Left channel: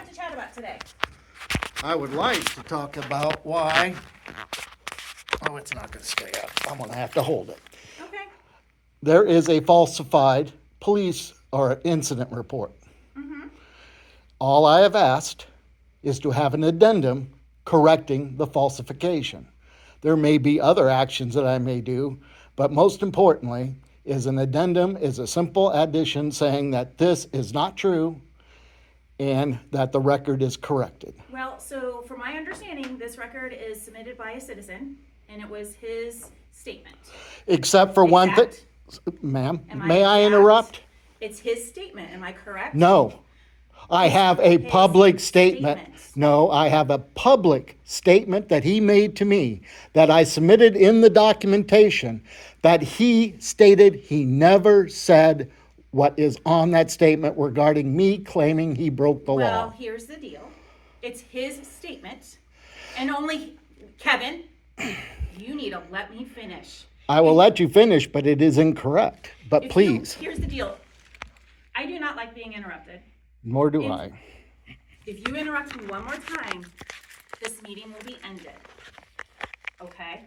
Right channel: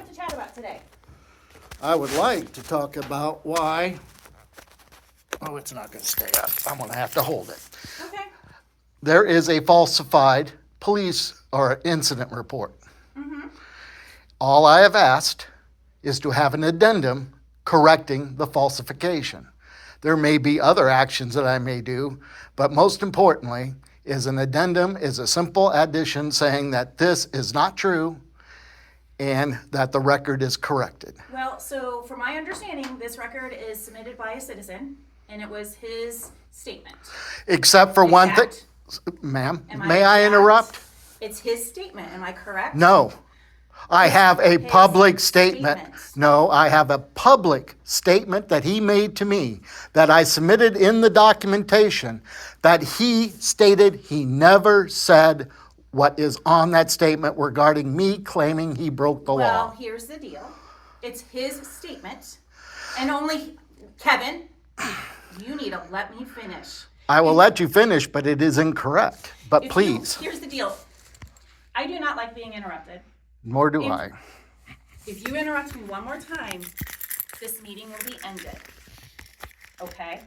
like to chat about today? I would like to talk about why. Oh, it's not going to stay up. I'm going to have to hold it. Okay. There is a falsified police or incident report. All I have asked is to have an addendum correcting the falsification. There may be other actions that I may do, but most importantly is an addendum is a simple addition saying that this is not true and that the record is corrected. Well, so from my understanding, this record is submitted by a citizen, and it was his statement. Except for one thing. Ma'am, may I interrupt? It's his statement, am I correct? No. I have a public statement. No, I have a public statement that he made to me that I submitted in the documentation that he stated he never said what is on that statement regarding me claiming he broke the law. Well, here's the deal. It's his statement, and only, Kevin, you need to let me finish. I will let you finish, but it is incorrect. But please. Here's the deal. I do not like being interrupted. Nor do I. If you interrupt me one more time, this meeting will be ended. Okay?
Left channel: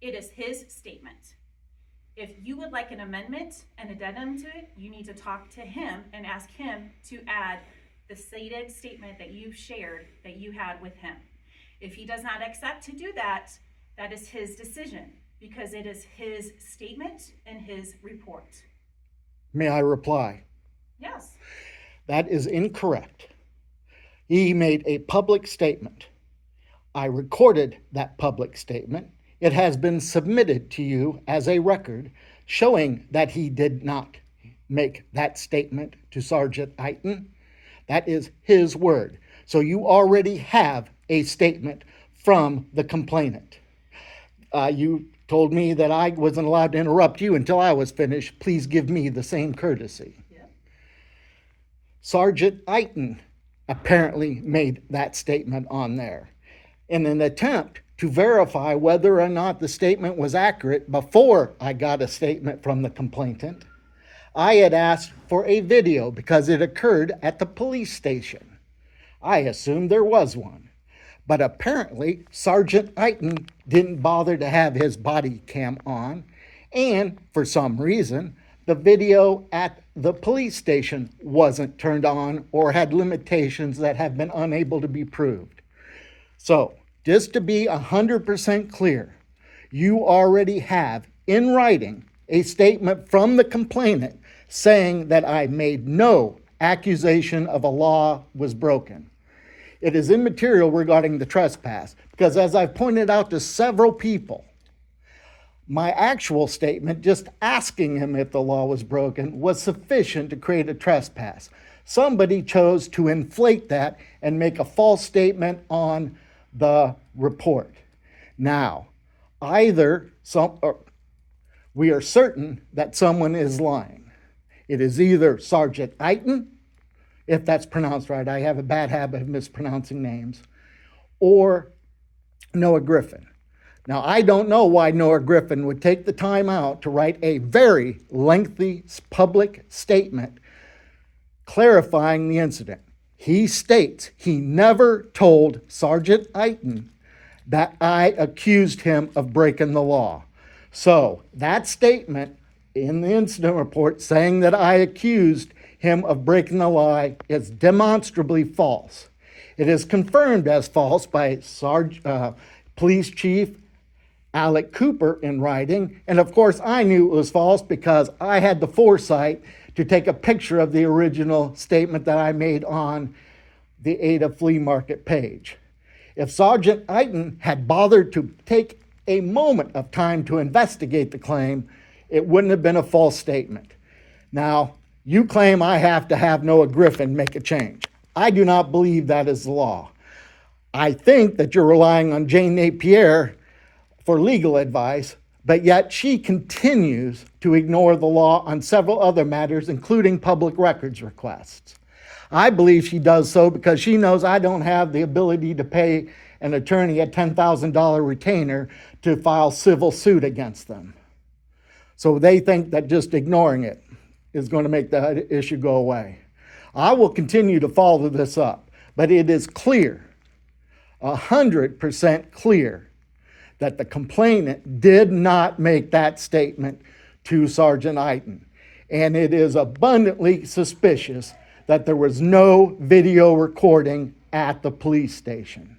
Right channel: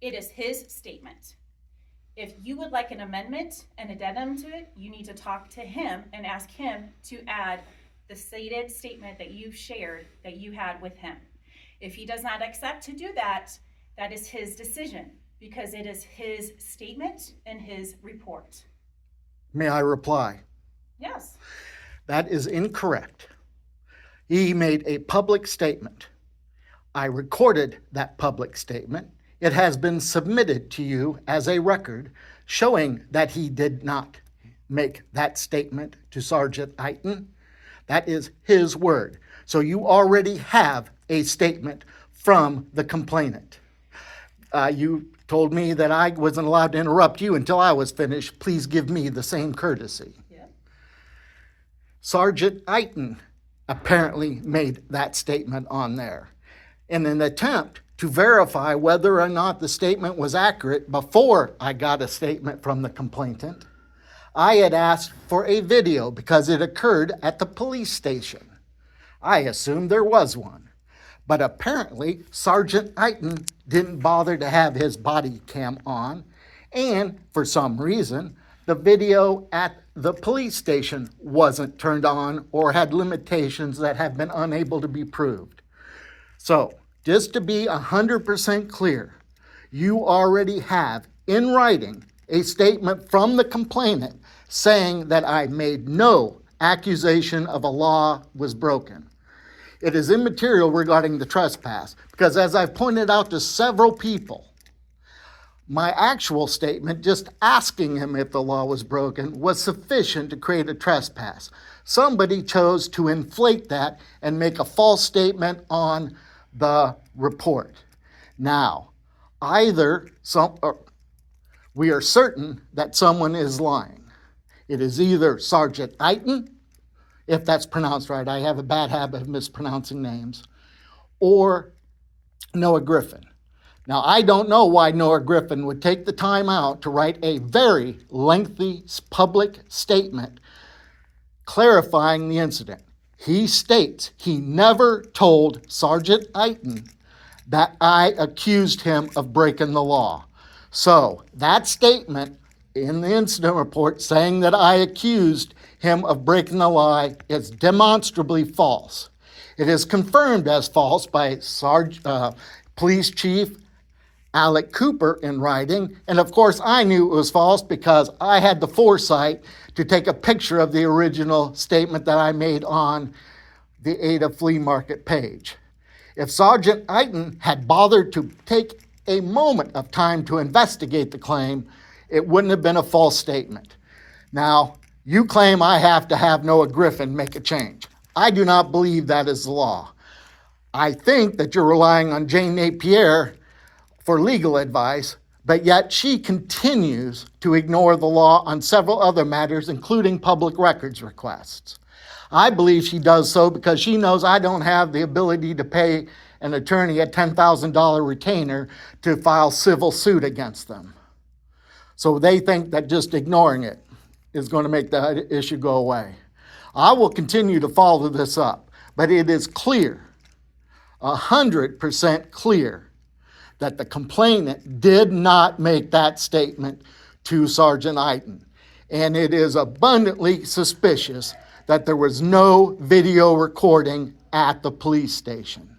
It is his statement. If you would like an amendment, an addendum to it, you need to talk to him and ask him to add the stated statement that you've shared that you had with him. If he does not accept to do that, that is his decision because it is his statement and his report. May I reply? Yes. That is incorrect. He made a public statement. I recorded that public statement. It has been submitted to you as a record showing that he did not make that statement to Sergeant Eiton. That is his word. So you already have a statement from the complainant. You told me that I wasn't allowed to interrupt you until I was finished. Please give me the same courtesy. Sergeant Eiton apparently made that statement on there. In an attempt to verify whether or not the statement was accurate before I got a statement from the complainant, I had asked for a video because it occurred at the police station. I assumed there was one. But apparently, Sergeant Eiton didn't bother to have his body cam on, and for some reason, the video at the police station wasn't turned on or had limitations that have been unable to be proved. So, just to be 100% clear, you already have in writing a statement from the complainant saying that I made no accusation of a law was broken. It is immaterial regarding the trespass because, as I've pointed out to several people, my actual statement, just asking him if the law was broken, was sufficient to create a trespass. Somebody chose to inflate that and make a false statement on the report. Now, we are certain that someone is lying. It is either Sergeant Eiton, if that's pronounced right, I have a bad habit of mispronouncing names, or Noah Griffin. Now, I don't know why Noah Griffin would take the time out to write a very lengthy public statement clarifying the incident. He states he never told Sergeant Eiton that I accused him of breaking the law. So that statement in the incident report saying that I accused him of breaking the law is demonstrably false. It is confirmed as false by Police Chief Alec Cooper in writing, and of course I knew it was false because I had the foresight to take a picture of the original statement that I made on the Ada Flea Market page. If Sergeant Eiton had bothered to take a moment of time to investigate the claim, it wouldn't have been a false statement. Now, you claim I have to have Noah Griffin make a change. I do not believe that is the law. I think that you're relying on Jane Napier for legal advice, but yet she continues to ignore the law on several other matters, including public records requests. I believe she does so because she knows I don't have the ability to pay an attorney a $10,000 retainer to file civil suit against them. So they think that just ignoring it is going to make the issue go away. I will continue to follow this up, but it is clear, 100% clear, that the complainant did not make that statement to Sergeant Eiten. And it is abundantly suspicious that there was no video recording at the police station.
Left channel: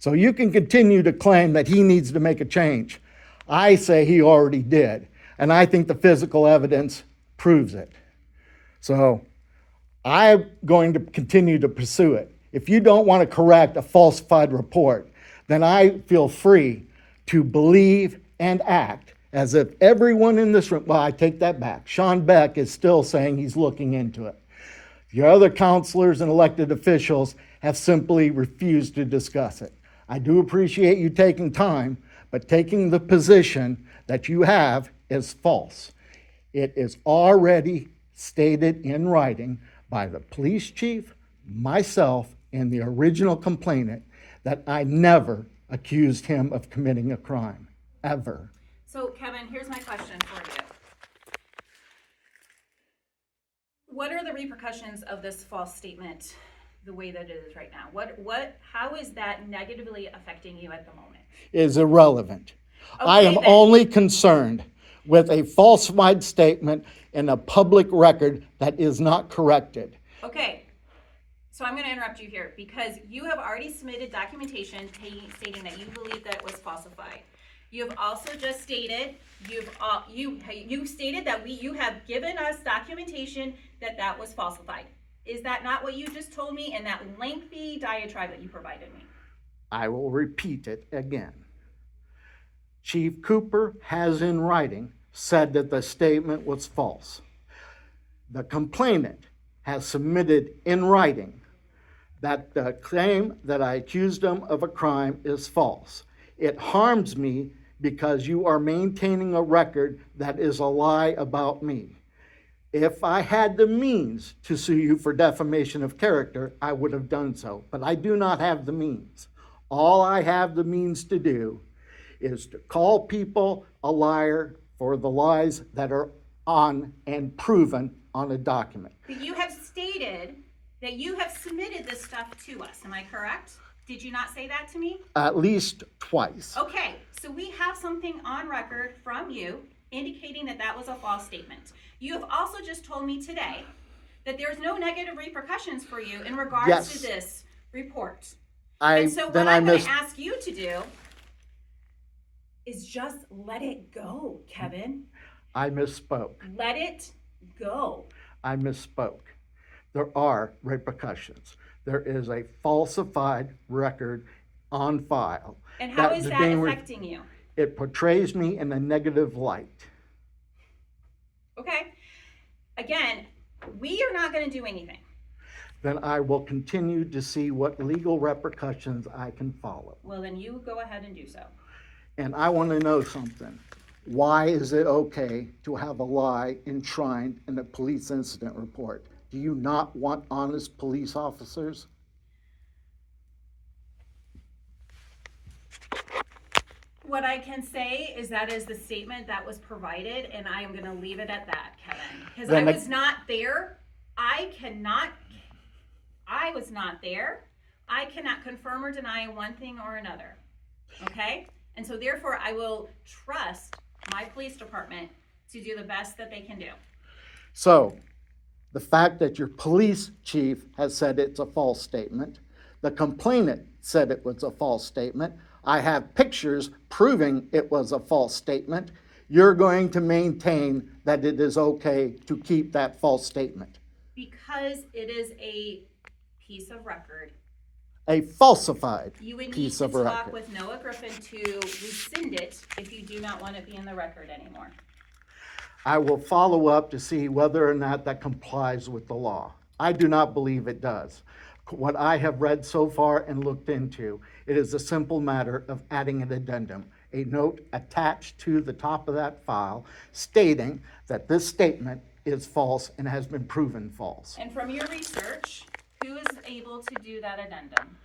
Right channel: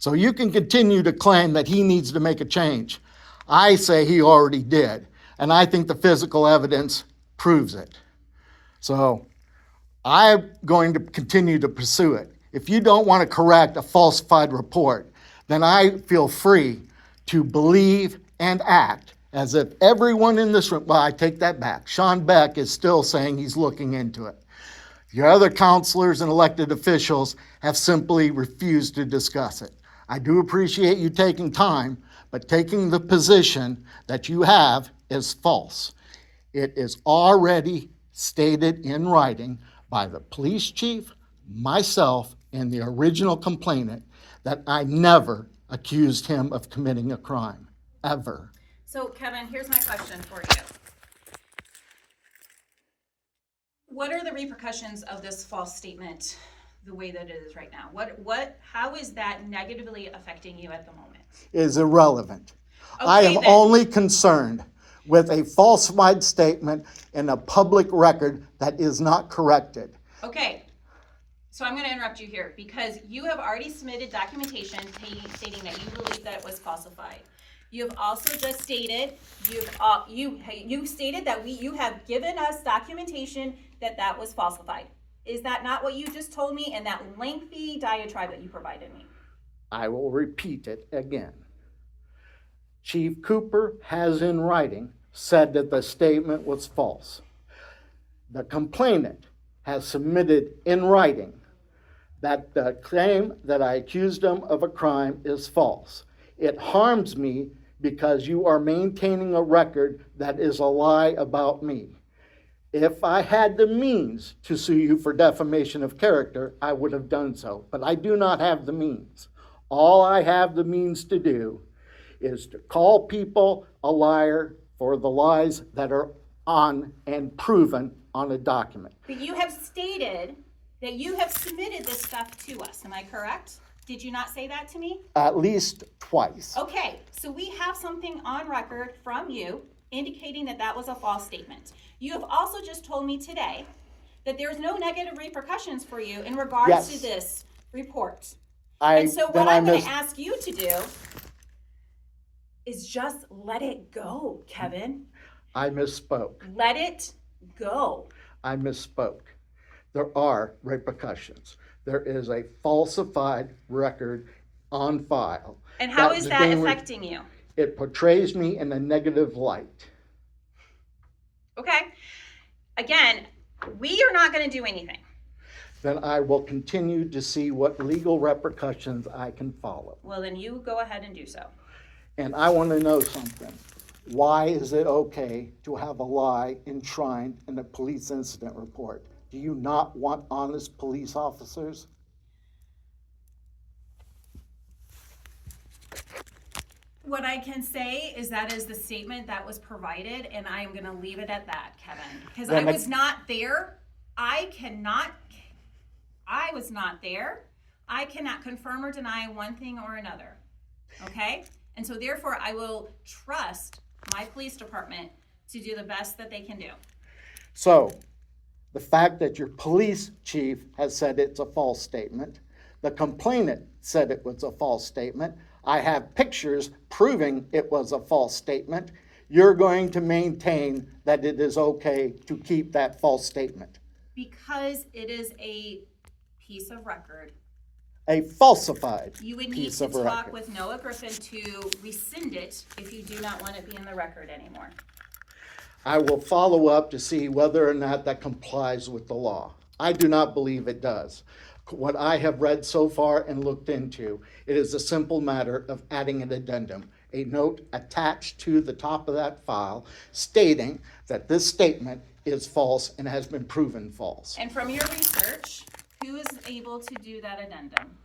So you can continue to claim that he needs to make a change. I say he already did, and I think the physical evidence proves it. So I'm going to continue to pursue it. If you don't want to correct a falsified report, then I feel free to believe and act as if everyone in this room, well, I take that back. Sean Beck is still saying he's looking into it. Your other counselors and elected officials have simply refused to discuss it. I do appreciate you taking time, but taking the position that you have is false. It is already stated in writing by the police chief, myself, and the original complainant that I never accused him of committing a crime, ever. So, Kevin, here's my question for you. What are the repercussions of this false statement the way that it is right now? How is that negatively affecting you at the moment? It is irrelevant. Okay, I am then. only concerned with a falsified statement in a public record that is not corrected. Okay, so I'm going to interrupt you here because you have already submitted documentation stating that you believe that it was falsified. You have also just stated you stated that you have given us documentation that was falsified. Is that not what you just told me in that lengthy diatribe that you provided me? I will repeat it again. Chief Cooper has in writing said that the statement was false. The complainant has submitted in writing that the claim that I accused him of a crime is false. It harms me because you are maintaining a record that is a lie about me. If I had the means to sue you for defamation of character, I would have done so, but I do not have the means. All I have the means to do is to call people a liar for the lies that are on and proven on a document. But you have stated that you have submitted this stuff to us. Am I correct? Did you not say that to me? At least twice. Okay, so we have something on record from you indicating that that was a false statement. You have also just told me today that there's no negative repercussions for you in regards to this report. And so what I'm going to ask you to do is just let it go, Kevin. I misspoke. Let it go. I misspoke. There are repercussions. There is a falsified record on file. And how is that affecting you? It portrays me in a negative light. Okay. Again, we are not going to do anything. Then I will continue to see what legal repercussions I can follow. Well, then you go ahead and do so. And I want to know something. Why is it okay to have a lie enshrined in a police incident report? Do you not want honest police officers? What I can say is that is the statement that was provided, and I am going to leave it at that, Kevin. Because I was not there. I was not there. I cannot confirm or deny one thing or another. Okay? And so therefore, I will trust my police department to do the best that they can do. So, the fact that your police chief has said it's a false statement, the complainant said it was a false statement, I have pictures proving it was a false statement, you're going to maintain that it is okay to keep that false statement. Because it is a piece of record. A falsified piece of record. You would need to talk with Noah Griffin to rescind it if you do not want it to be in the record anymore. I will follow up to see whether or not that complies with the law. I do not believe it does. What I have read so far and looked into, it is a simple matter of adding an addendum, a note attached to the top of that file stating that this statement is false and has been proven false. And from your research, who is able to do that addendum?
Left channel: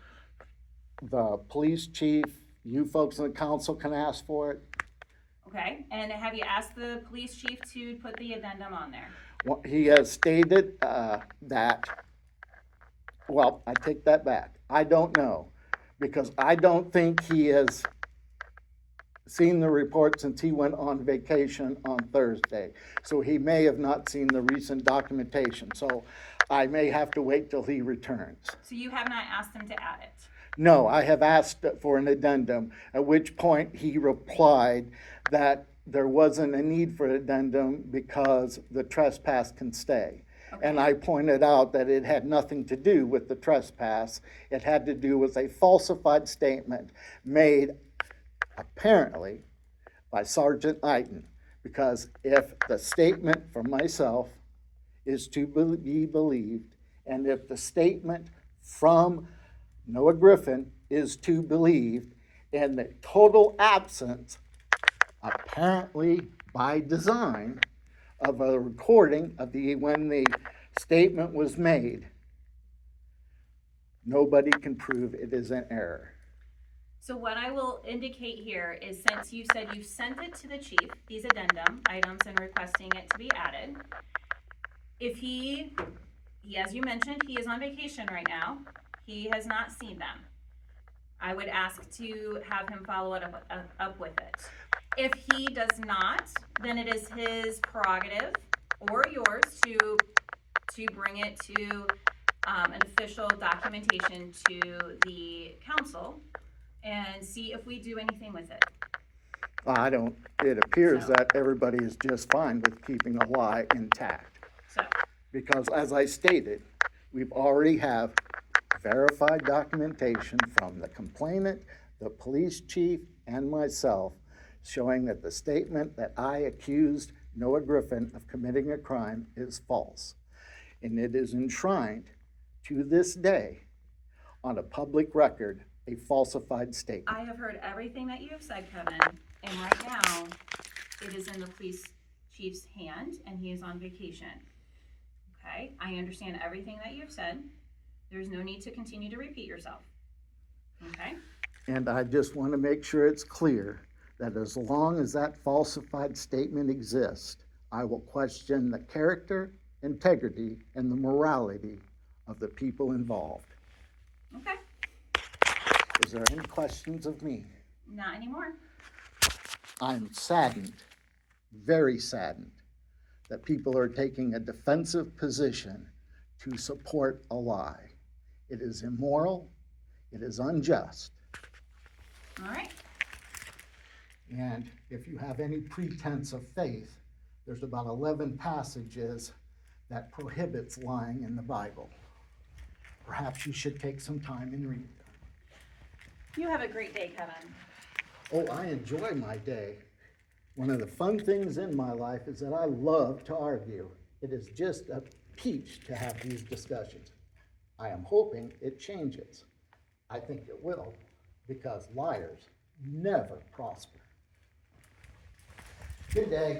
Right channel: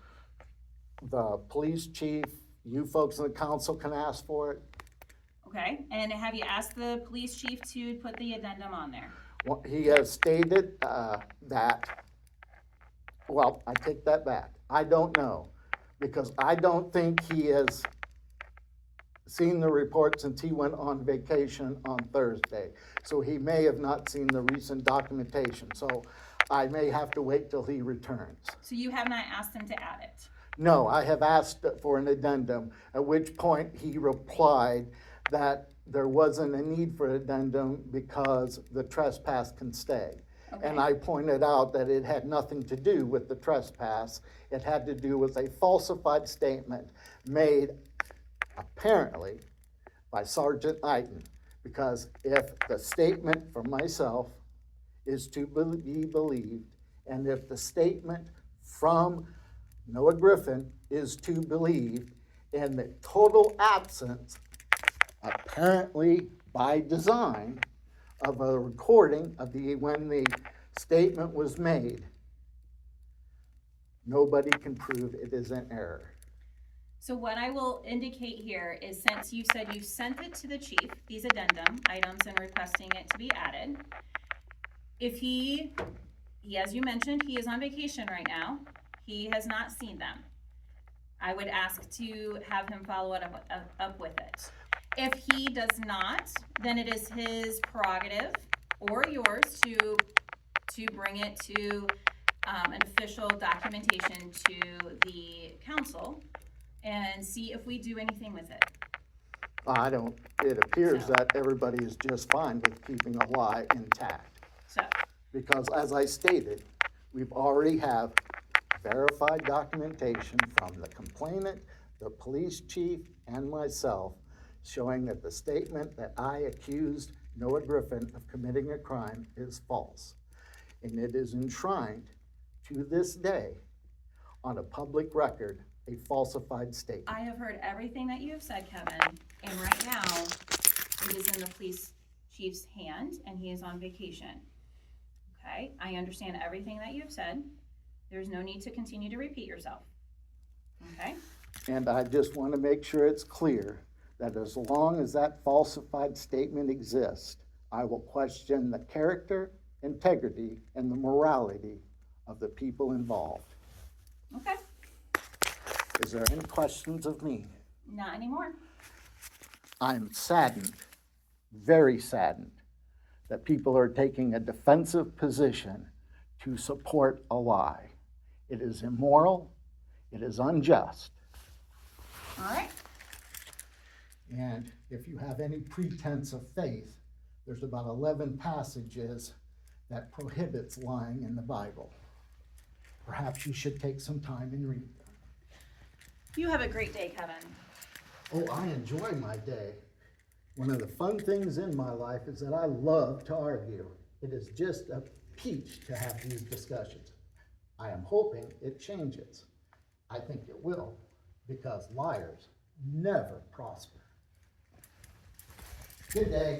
The police chief, you folks in the council can ask for it. Okay, and have you asked the police chief to put the addendum on there? He has stated that Well, I take that back. I don't know, because I don't think he has seen the report since he went on vacation on Thursday. So he may have not seen the recent documentation, so I may have to wait till he returns. So you have not asked him to add it? No, I have asked for an addendum, at which point he replied that there wasn't a need for addendum because the trespass can stay. And I pointed out that it had nothing to do with the trespass. It had to do with a falsified statement made apparently by Sergeant Knighton. Because if the statement from myself is to be believed, and if the statement from Noah Griffin is to believed, in the total absence, apparently by design, of a recording of when the statement was made, nobody can prove it is an error. So what I will indicate here is, since you said you sent it to the chief, these addendum items, and requesting it to be added, if he, as you mentioned, he is on vacation right now, he has not seen them, I would ask to have him follow it up with it. If he does not, then it is his prerogative or yours to bring it to an official documentation to the council and see if we do anything with it. It appears that everybody is just fine with keeping a lie intact. So, Because as I stated, we've already have verified documentation from the complainant, the police chief, and myself, showing that the statement that I accused Noah Griffin of committing a crime is false. And it is enshrined to this day on a public record, a falsified statement. I have heard everything that you have said, Kevin, and right now it is in the police chief's hand and he is on vacation. Okay, I understand everything that you've said. There's no need to continue to repeat yourself. Okay? And I just want to make sure it's clear that as long as that falsified statement exists, I will question the character, integrity, and the morality of the people involved. Okay, Is there any questions of me? not anymore. I'm saddened, very saddened, that people are taking a defensive position to support a lie. It is immoral, it is unjust. All right. And if you have any pretense of faith, there's about 11 passages that prohibits lying in the Bible. Perhaps you should take some time and read them. You have a great day, Kevin. Oh, I enjoy my day. One of the fun things in my life is that I love to argue. It is just a peach to have these discussions. I am hoping it changes. I think it will, because liars never prosper. Good day.